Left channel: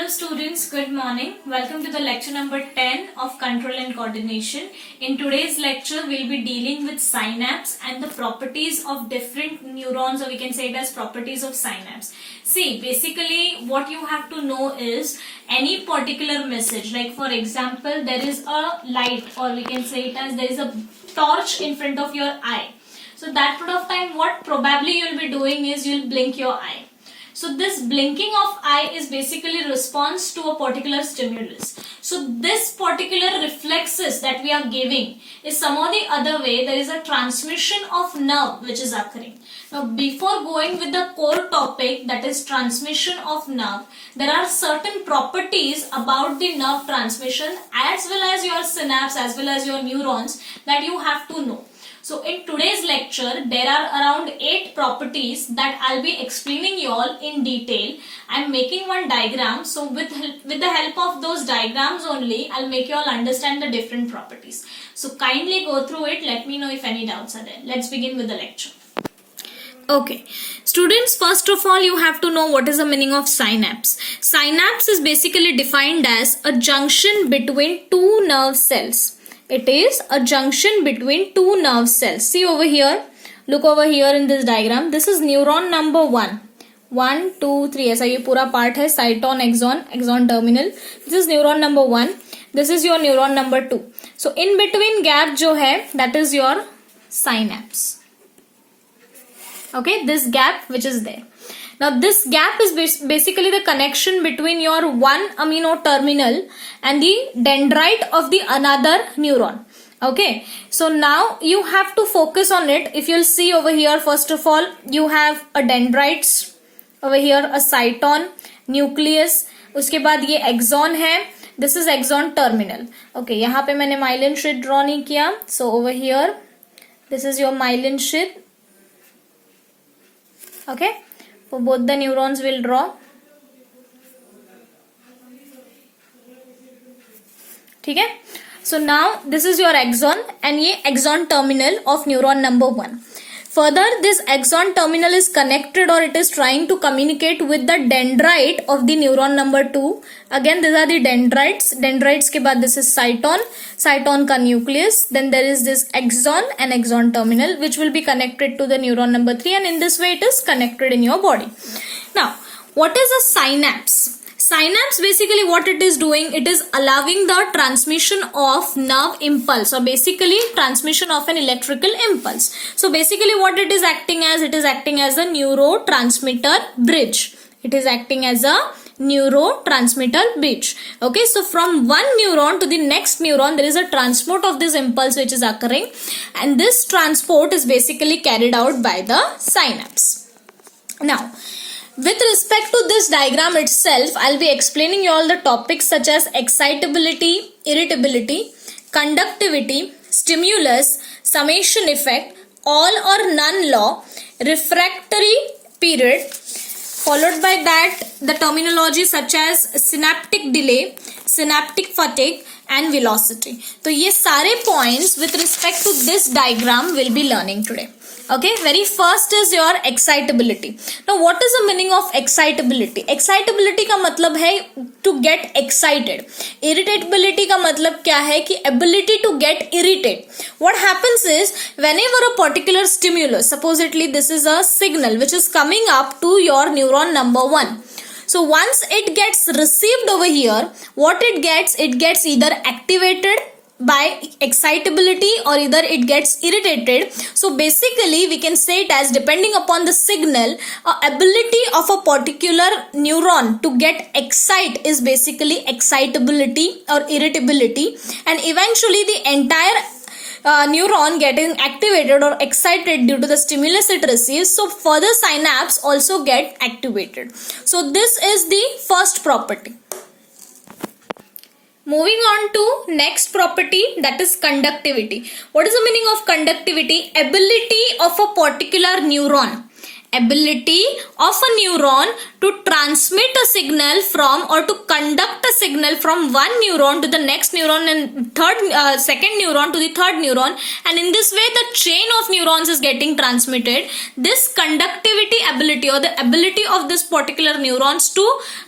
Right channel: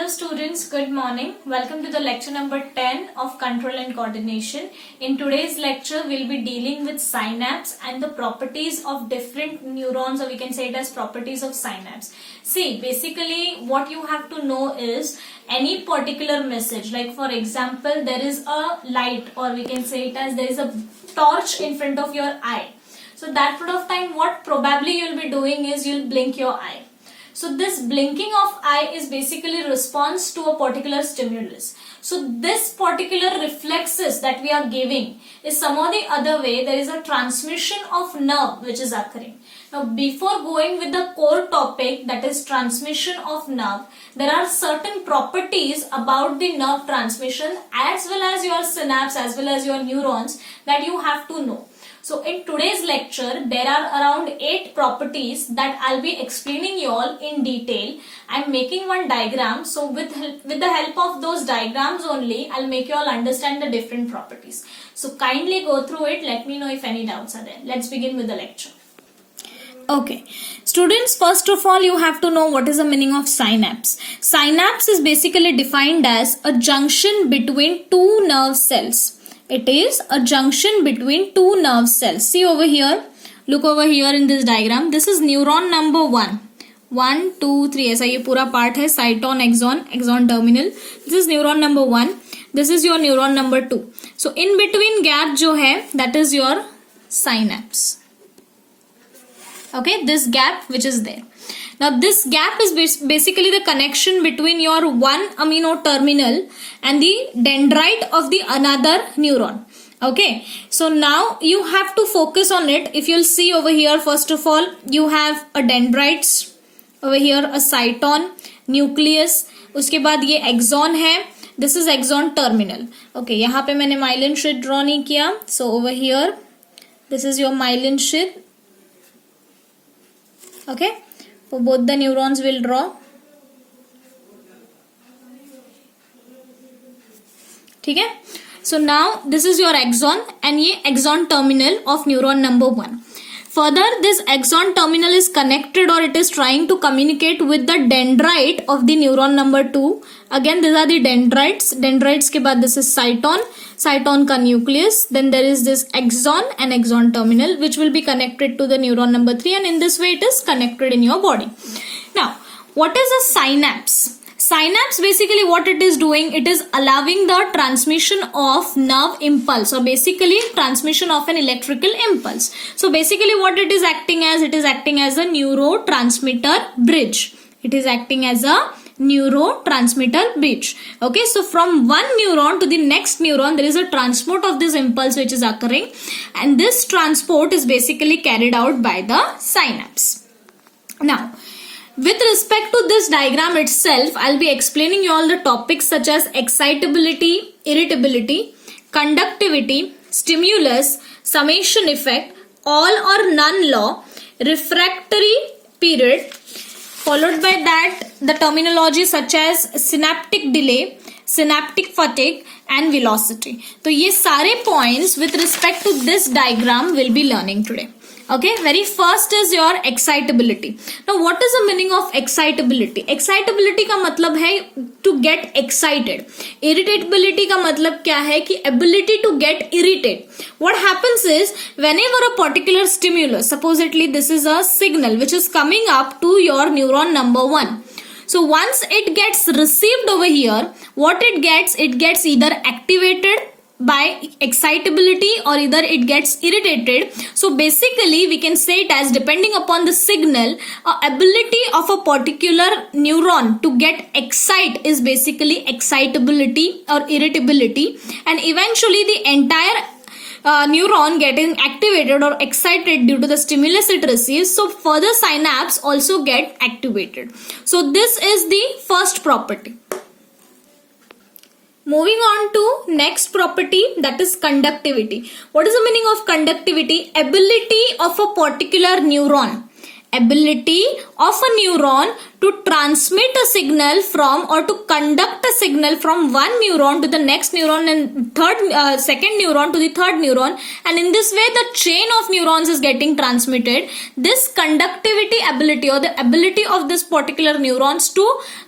Hello students, good morning. Welcome to the lecture number 10 of Control and Coordination. In today's lecture, we'll be dealing with synapse and the properties of different neurons, or we can say it as properties of synapse. See, basically what you have to know is any particular message, like for example, there is a light, or we can say it as there is a torch in front of your eye. So that point of time, what probably you'll be doing is you'll blink your eye. So this blinking of eye is basically response to a particular stimulus. So this particular reflexes that we are giving is some or the other way there is a transmission of nerve which is occurring. Now before going with the core topic, that is transmission of nerve, there are certain properties about the nerve transmission as well as your synapse as well as your neurons that you have to know. So in today's lecture, there are around 8 properties that I'll be explaining you all in detail. I'm making one diagram. So with the help of those diagrams only, I'll make you all understand the different properties. So kindly go through it. Let me know if any doubts are there. Let's begin with the lecture. Okay, students, first of all, you have to know what is the meaning of synapse. Synapse is basically defined as a junction between two nerve cells. It is a junction between two nerve cells. See over here. Look over here in this diagram. This is neuron number 1. 1, 2, 3. ऐसा ये पूरा part है. Cyton, axon terminal. This is neuron number 1. This is your neuron number 2. So in between gap जो है, that is your synapse. Okay, this gap which is there. Now this gap is basically the connection between your one amino terminal and the dendrite of the another neuron. Okay, so now you have to focus on it. If you'll see over here, first of all, you have a dendrites, over here a cyton, nucleus, उसके बाद ये axon है. This is axon terminal. Okay, यहाँ पे मैंने myelin sheath draw नहीं किया. So over here, this is your myelin sheath. Okay. So both the neurons will draw. ठीक है? So now this is your axon and ये axon terminal of neuron number 1. Further, this axon terminal is connected, or it is trying to communicate with the dendrite of the neuron number 2. Again, these are the dendrites. Dendrites के बाद this is cyton. Cyton का nucleus. Then there is this axon and axon terminal which will be connected to the neuron number 3, and in this way it is connected in your body. Now, what is a synapse? Synapse, basically what it is doing, it is allowing the transmission of nerve impulse, or basically transmission of an electrical impulse. So basically what it is acting as, it is acting as a neurotransmitter bridge. It is acting as a neurotransmitter bridge. Okay, so from one neuron to the next neuron, there is a transport of this impulse which is occurring, and this transport is basically carried out by the synapse. Now, with respect to this diagram itself, I'll be explaining you all the topics such as excitability, irritability, conductivity, stimulus, summation effect, all or none law, refractory period, followed by that the terminology such as synaptic delay, synaptic fatigue and velocity. So ये सारे points with respect to this diagram we'll be learning today. Okay, very first is your excitability. Now what is the meaning of excitability? Excitability का मतलब है to get excited. Irritability का मतलब क्या है कि ability to get irritated. What happens is whenever a particular stimulus, supposedly this is a signal which is coming up to your neuron number 1. So once it gets received over here, what it gets either activated by excitability or either it gets irritated. So basically we can say it as, depending upon the signal, ability of a particular neuron to get excite is basically excitability or irritability, and eventually the entire neuron getting activated or excited due to the stimulus it receives. So further synapse also get activated. So this is the first property. Moving on to next property, that is conductivity. What is the meaning of conductivity? Ability of a particular neuron. ability of a neuron to transmit a signal from or to conduct a signal from one neuron to the next neuron and second neuron to the third neuron, and in this way the chain of neurons is getting transmitted. This conductivity ability or the ability of this particular neurons to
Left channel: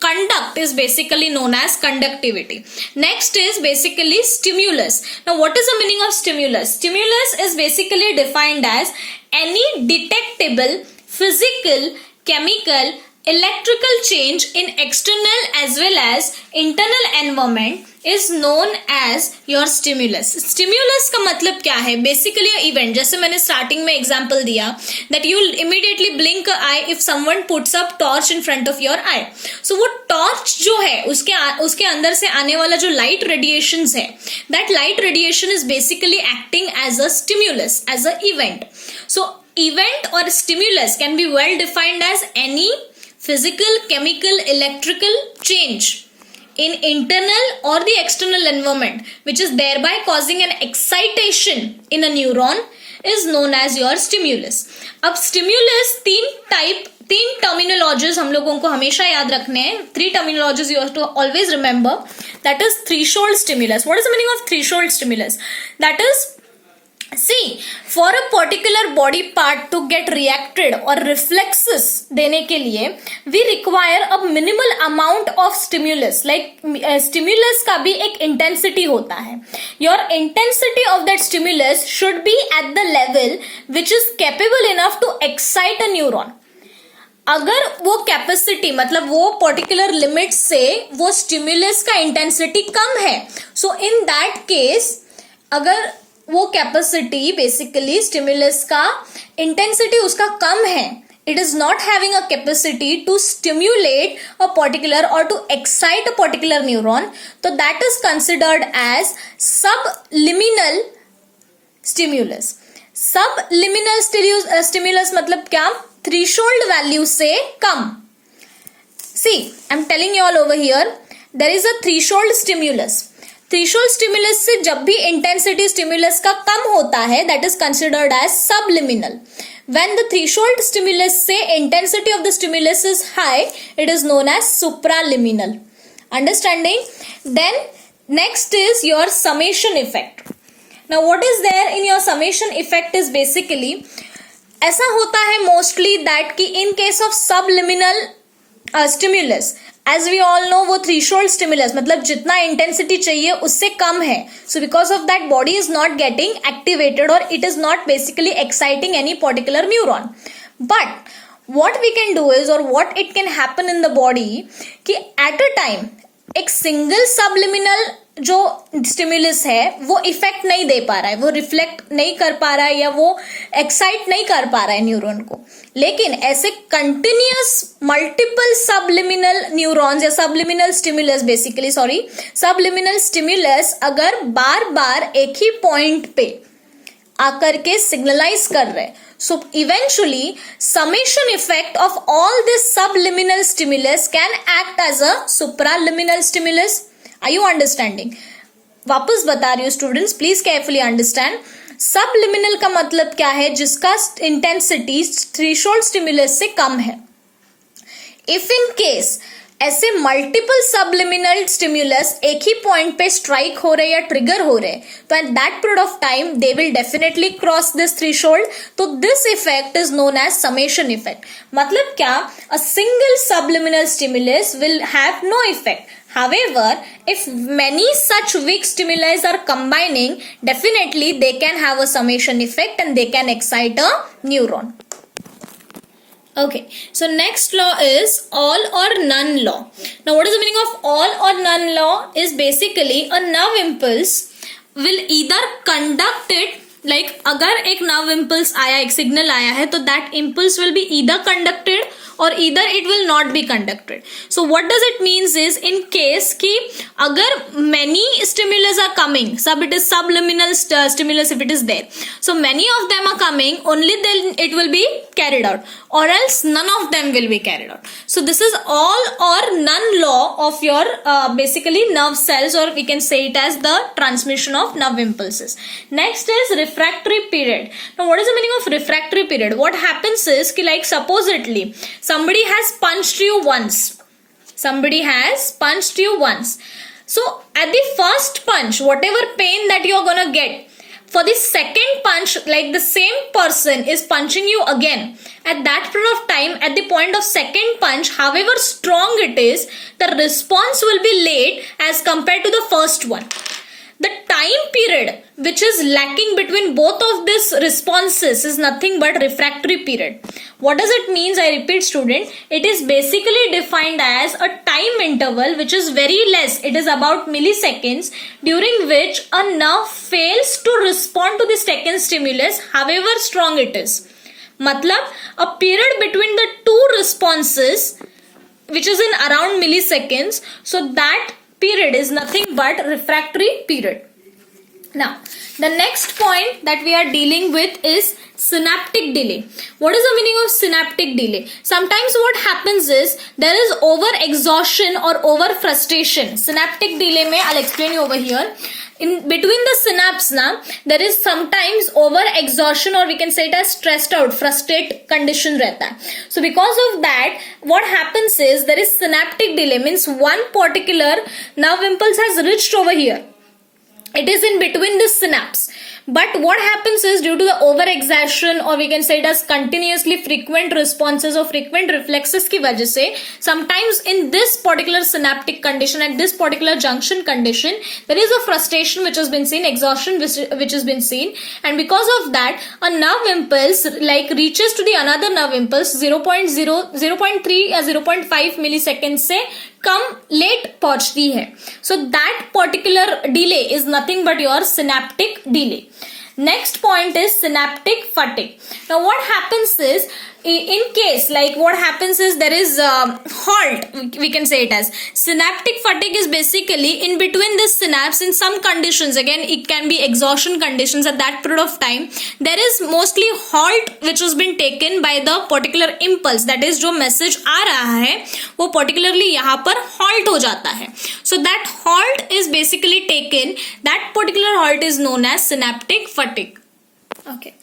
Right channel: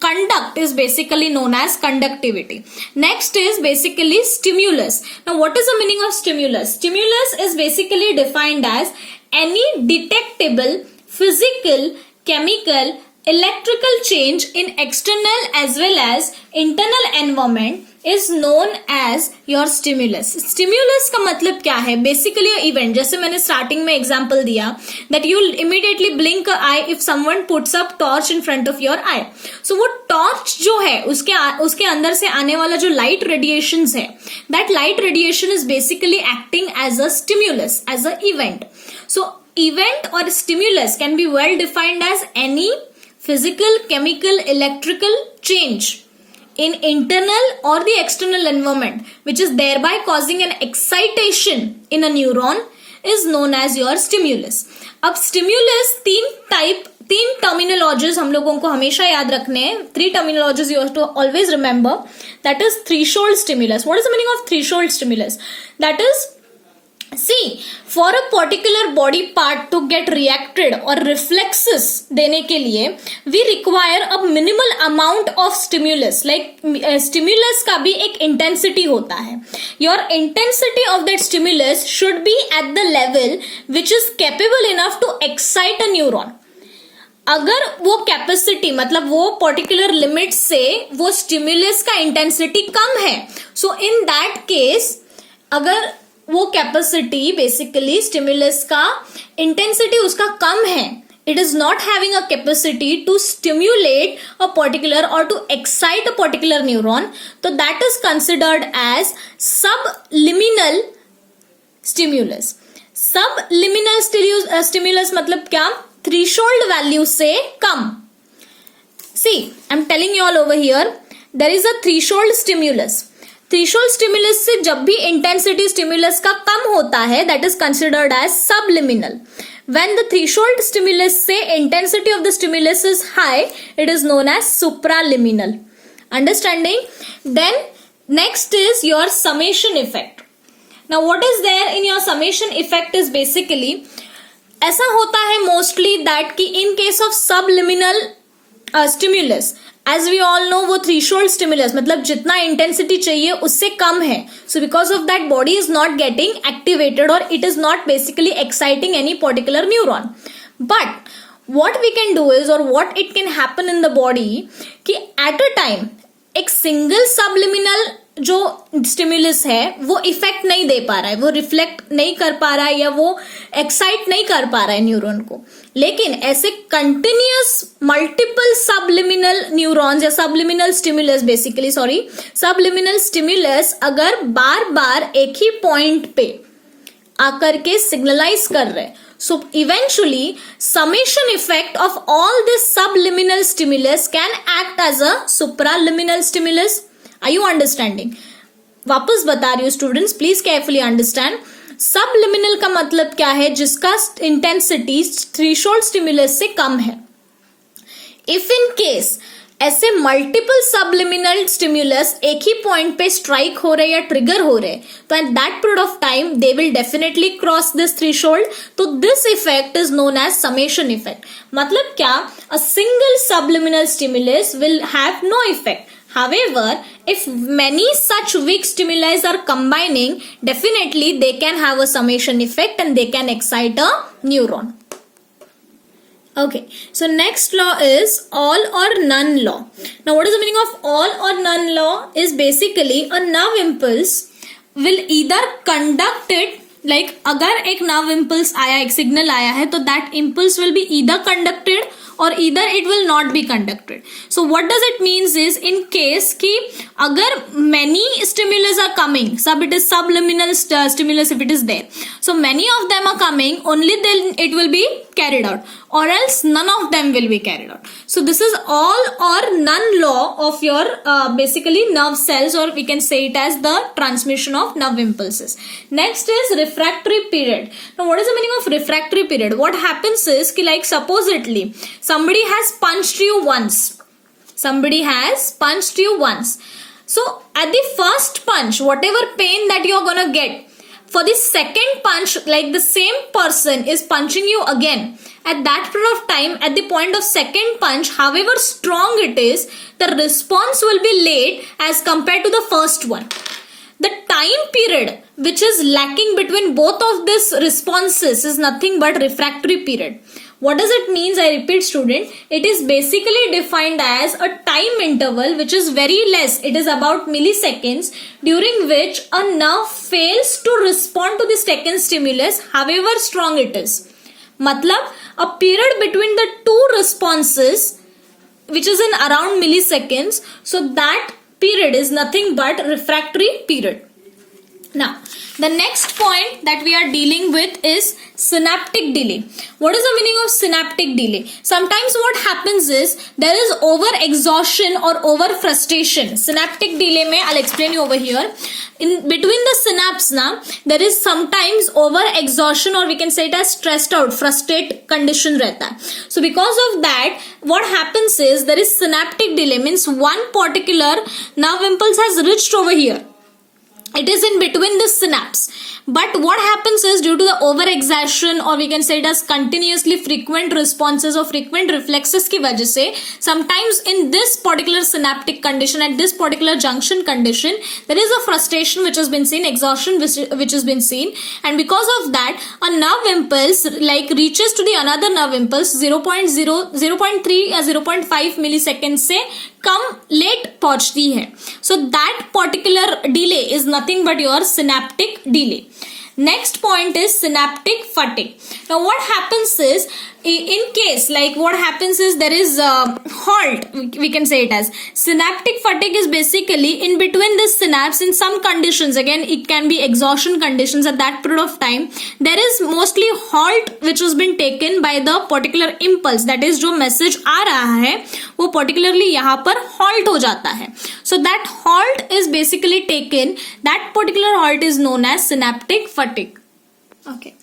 conduct is basically known as conductivity. Next is basically stimulus. Now what is the meaning of stimulus? Stimulus is basically defined as any detectable physical, chemical, electrical change in external as well as internal environment is known as your stimulus. Stimulus का मतलब क्या है? Basically a event. जैसे मैंने starting में example दिया that you will immediately blink an eye if someone puts up torch in front of your eye. So वो torch जो है उसके अंदर से आने वाला जो light radiations है, that light radiation is basically acting as a stimulus, as a event. So event or stimulus can be well defined as any physical, chemical, electrical change in internal or the external environment which is thereby causing an excitation in a neuron is known as your stimulus. अब stimulus तीन terminologies हम लोगों को हमेशा याद रखने हैं. 3 terminologies you have to always remember. That is threshold stimulus. What is the meaning of threshold stimulus? That is, see, for a particular body part to get reacted or reflexes देने के लिए we require a minimal amount of stimulus. Like stimulus का भी एक intensity होता है. Your intensity of that stimulus should be at the level which is capable enough to excite a neuron. अगर वो कैपेसिटी मतलब वो पर्टिकुलर लिमिट से वो स्टिमुलस का इंटेंसिटी कम है, सो इन दैट केस अगर वो कैपेसिटी बेसिकली स्टिमुलस का इंटेंसिटी उसका कम है, it is not having a capacity to stimulate a particular or to excite a particular neuron, so that is considered as subliminal stimulus. Subliminal stimulus मतलब क्या? Threshold value से कम. See, I'm telling you all over here, there is a threshold stimulus. Threshold stimulus से जब भी intensity stimulus का कम होता है that is considered as subliminal. When the threshold stimulus से intensity of the stimulus is high it is known as supraliminal. Understanding? Then next is your summation effect. Now what is there in your summation effect is basically ऐसा होता है mostly that कि in case of subliminal stimulus as we all know वो threshold stimulus मतलब जितना intensity चाहिए उससे कम है. So because of that body is not getting activated और it is not basically exciting any particular neuron. But what we can do is or what it can happen in the body कि at a time एक single subliminal जो stimulus है वो effect नहीं दे पा रहा है, वो रिफ्लेक्ट नहीं कर पा रहा है या वो एक्साइट नहीं कर पा रहा है न्यूरॉन को. लेकिन ऐसे कंटिन्यूअस मल्टीपल सबलिमिनल न्यूरॉन्स या subliminal stimulus basically subliminal stimulus अगर बार बार एक ही पॉइंट पे आकर के सिग्नलाइज कर रहे हैं, so eventually summation effect of all this subliminal stimulus can act as a supraliminal stimulus. Are you understanding? वापस बता रही हूँ students, please carefully understand. Subliminal का मतलब क्या है? जिसका इंटेंसिटी थ्रेशोल्ड स्टिमुलस से कम है. इफ इन केस ऐसे मल्टीपल सबलिमिनल स्टिमुलस एक ही पॉइंट पे स्ट्राइक हो रहे या ट्रिगर हो रहे तो at that period of time they will definitely cross this threshold. तो this effect is known as summation effect. मतलब क्या? A single subliminal stimulus will have no effect. However, if many such weak stimuli are combining, definitely they can have a summation effect and they can excite a neuron. Okay, so next law is all or none law. Now what is the meaning of all or none law? Is basically a nerve impulse will either conduct it, like अगर एक nerve impulse आया, एक signal आया है तो that impulse will be either conducted or either it will not be conducted. So what does it means is, in case ki agar many stimulus are coming, it is subliminal stimulus if it is there. So many of them are coming, only then it will be carried out, or else none of them will be carried out. So this is all or none law of your basically nerve cells, or we can say it as the transmission of nerve impulses. Next is refractory period. Now what is the meaning of refractory period? What happens is ki, like supposedly somebody has punched you once. So at the first punch, whatever pain that you are gonna get, for the second punch, like the same person is punching you again. At that period of time, at the point of second punch, however strong it is, the response will be late as compared to the first one. The time period which is lacking between both of these responses is nothing but refractory period. What does it mean? I repeat, student, it is basically defined as a time interval which is very less. It is about milliseconds, during which a nerve fails to respond to the second stimulus, however strong it is. Matlab, a period between the two responses which is in around milliseconds. So that period is nothing but refractory period. Now, the next point that we are dealing with is synaptic delay. What is the meaning of synaptic delay? Sometimes what happens is there is over exhaustion or over frustration. Synaptic delay mein, I'll explain you over here. In between the synapse now, there is sometimes over exhaustion, or we can say it as stressed out, frustrated condition rehta hai. So because of that, what happens is there is synaptic delay, means one particular nerve impulse has reached over here. It is in between the synapse. But what happens is, due to the overexertion, or we can say it as continuously frequent responses or frequent reflexes ki wajah se, sometimes in this particular synaptic condition, at this particular junction condition, there is a frustration which has been seen, exhaustion which has been seen, and because of that, a nerve impulse like reaches to the another nerve impulse 0.3 or 0.5 milliseconds se कम late पहुंचती है. So that particular delay is nothing but your synaptic delay. Next point is synaptic fatigue. Now what happens is, in case like what happens is there is halt, we can say it as synaptic fatigue is basically in between the synapse in some conditions. Again, it can be exhaustion conditions. At that period of time, there is mostly halt which has been taken by the particular impulse, that is जो message आ रहा है वो particularly यहाँ पर halt हो जाता है. So that halt is basically taken, that particular halt is known as synaptic fatigue. Okay.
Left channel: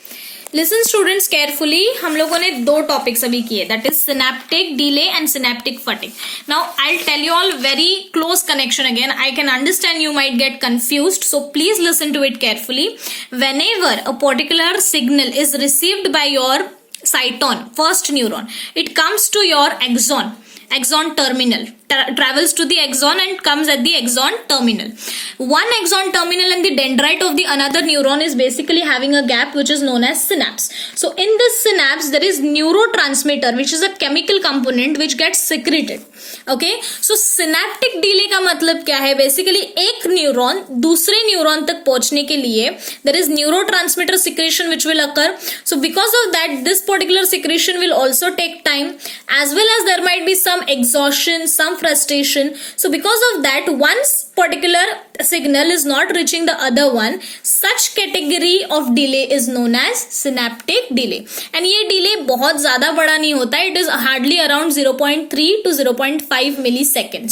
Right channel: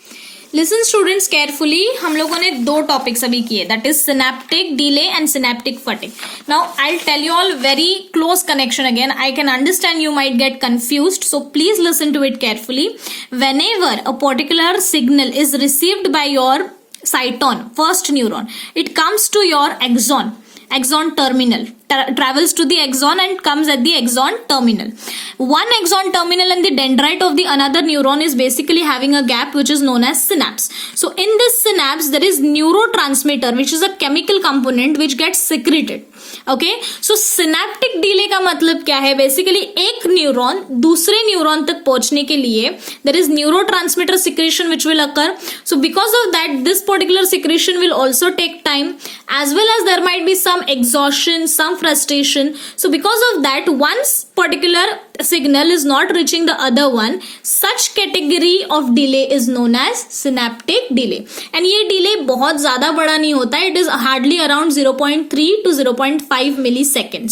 Listen students carefully, हम लोगों ने दो टॉपिक्स अभी किए, that is synaptic delay and synaptic fatigue. Now I'll tell you all very close connection again. I can understand you might get confused, so please listen to it carefully. Whenever a particular signal is received by your cyton, first neuron, it comes to your axon terminal, travels to the axon and comes at the axon terminal. One axon terminal and the dendrite of the another neuron is basically having a gap which is known as synapse. So in this synapse there is neurotransmitter which is a chemical component which gets secreted. Okay, so synaptic delay का मतलब क्या है? Basically एक neuron दूसरे neuron तक पहुंचने के लिए there is neurotransmitter secretion which will occur. So because of that, this particular secretion will also take time, as well as there might be some exhaustion, some frustration. So because of that, once particular signal is not reaching the other one, such category of delay is known as synaptic delay. And ये delay बहुत ज़्यादा बड़ा नहीं होता है. It is hardly around 0.3 to 0.5 milliseconds.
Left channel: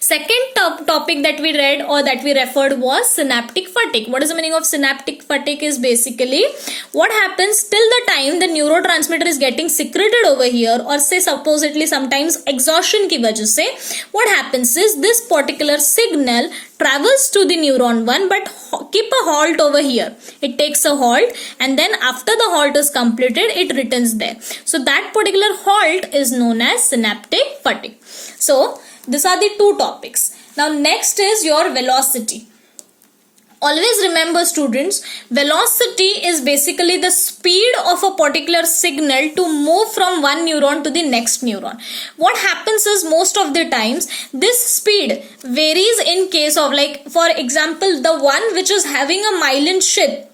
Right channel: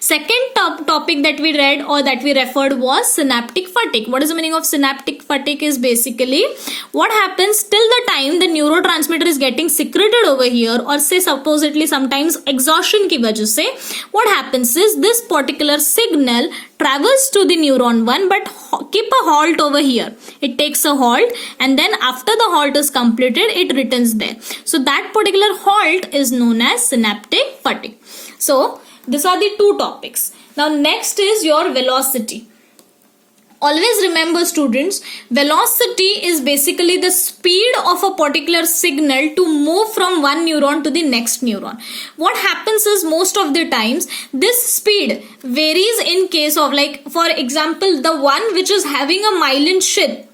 Second topic that we read or that we referred was synaptic fatigue. What is the meaning of synaptic fatigue? Is basically what happens till the time the neurotransmitter is getting secreted over here, or say supposedly sometimes exhaustion की वजह से, what happens is this particular signal travels to the neuron 1 but keep a halt over here. It takes a halt and then after the halt is completed, it returns there. So that particular halt is known as synaptic fatigue. So these are the two topics. Now next is your velocity. Always remember students, velocity is basically the speed of a particular signal to move from one neuron to the next neuron. What happens is most of the times this speed varies in case of, like for example, the one which is having a myelin sheath.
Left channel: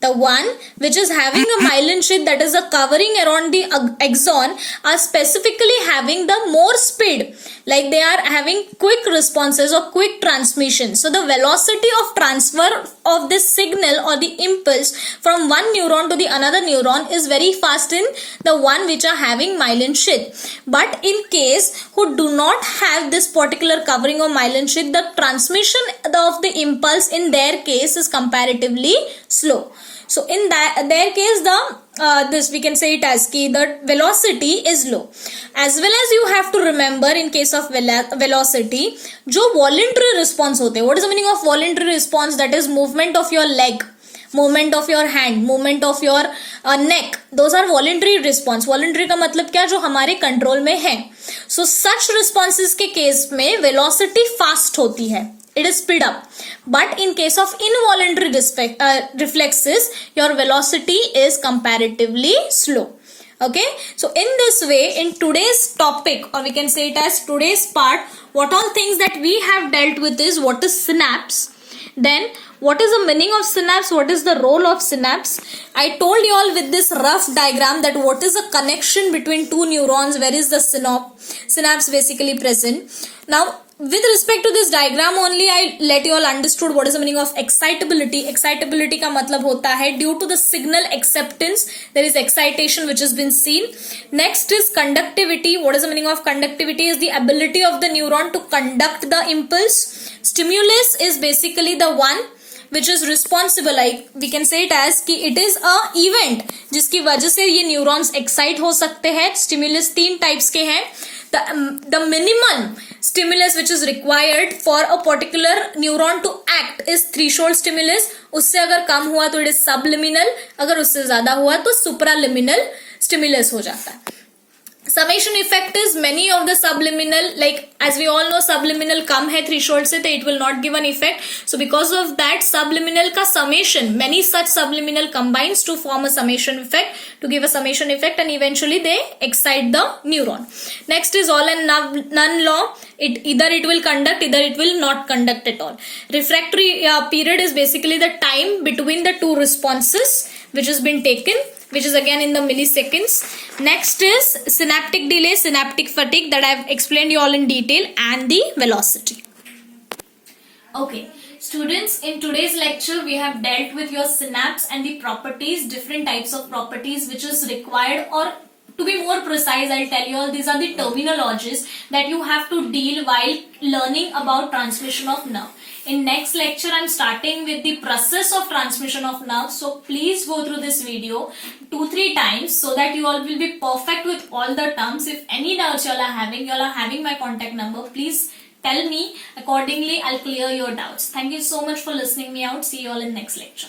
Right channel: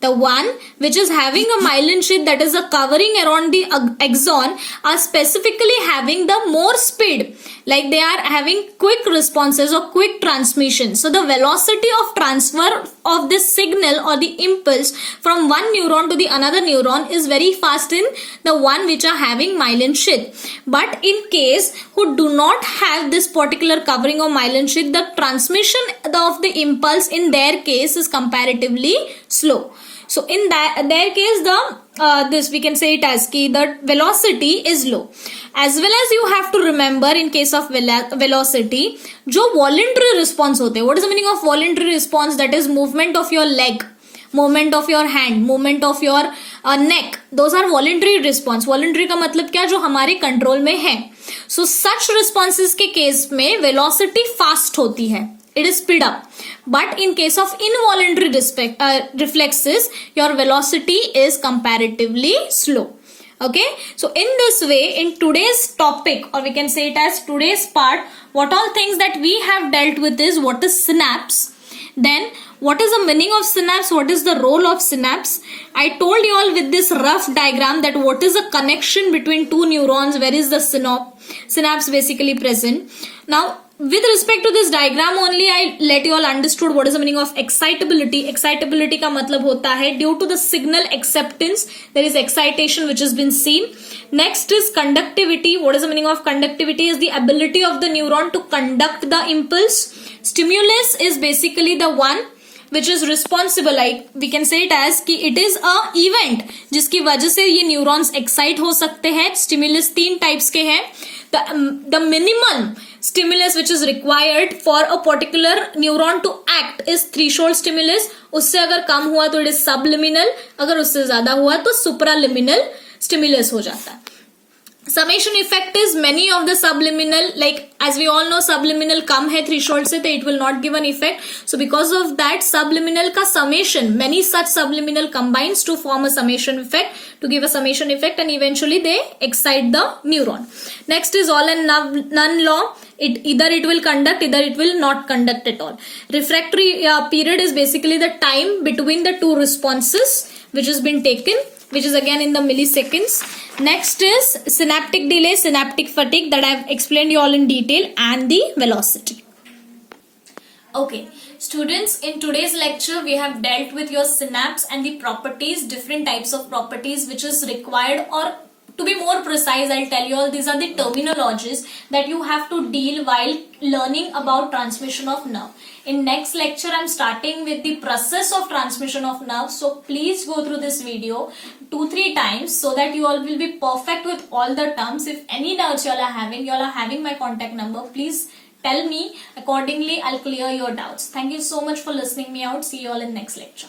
The one which is having a myelin sheath, that is a covering around the axon, are specifically having the more speed, like they are having quick responses or quick transmission. So the velocity of transfer of this signal or the impulse from one neuron to the another neuron is very fast in the one which are having myelin sheath. But in case who do not have this particular covering or myelin sheath, the transmission of the impulse in their case is comparatively slow. So in their case, this we can say it as ki the velocity is low. As well as you have to remember, in case of velocity, जो voluntary response होते हैं. What is the meaning of voluntary response? That is movement of your leg, movement of your hand, movement of your neck. Those are voluntary response. Voluntary का मतलब क्या? जो हमारे control में है. So such responses के केस में velocity fast होती है. It is speed up. But in case of involuntary reflexes, your velocity is comparatively slow. Okay. So in this way, in today's topic, or we can say it as today's part, what all things that we have dealt with is what is synapse. Then what is the meaning of synapse? What is the role of synapse? I told you all with this rough diagram that what is the connection between two neurons, where is the synapse basically present. Now, with respect to this diagram only, I let you all understood what is the meaning of excitability. Excitability का मतलब होता है due to the signal acceptance, there is excitation which has been seen. Next is conductivity. What is the meaning of conductivity? Is the ability of the neuron to conduct the impulse. Stimulus is basically the one which is responsible, like we can say it as कि it is a event जिसकी वजह से ये neurons excite हो सकते हैं. Stimulus 3 types के हैं. The minimum stimulus which is required for a particular neuron to act is threshold stimulus. उससे अगर कम हुआ तो it is subliminal, अगर उससे ज्यादा हुआ तो supraliminal stimulus हो जाता है. Summation effect is many of the subliminal, like as we all know subliminal कम है threshold से, तो it will not give an effect. So because of that subliminal का summation, many such subliminal combines to form a summation effect, to give a summation effect, and eventually they excite the neuron. Next is all and none law. Either it will conduct, either it will not conduct at all. Refractory period is basically the time between the two responses which has been taken, which is again in the milliseconds. Next is synaptic delay, synaptic fatigue, that I have explained you all in detail, and the velocity. Okay, students, in today's lecture we have dealt with your synapse and the properties, different types of properties which is required, or to be more precise, I'll tell you all, these are the terminologies that you have to deal while learning about transmission of nerve. In next lecture, I'm starting with the process of transmission of nerve. So please go through this video 2-3 times so that you all will be perfect with all the terms. If any doubts you all are having my contact number. Please tell me. Accordingly, I'll clear your doubts. Thank you so much for listening me out. See you all in next lecture.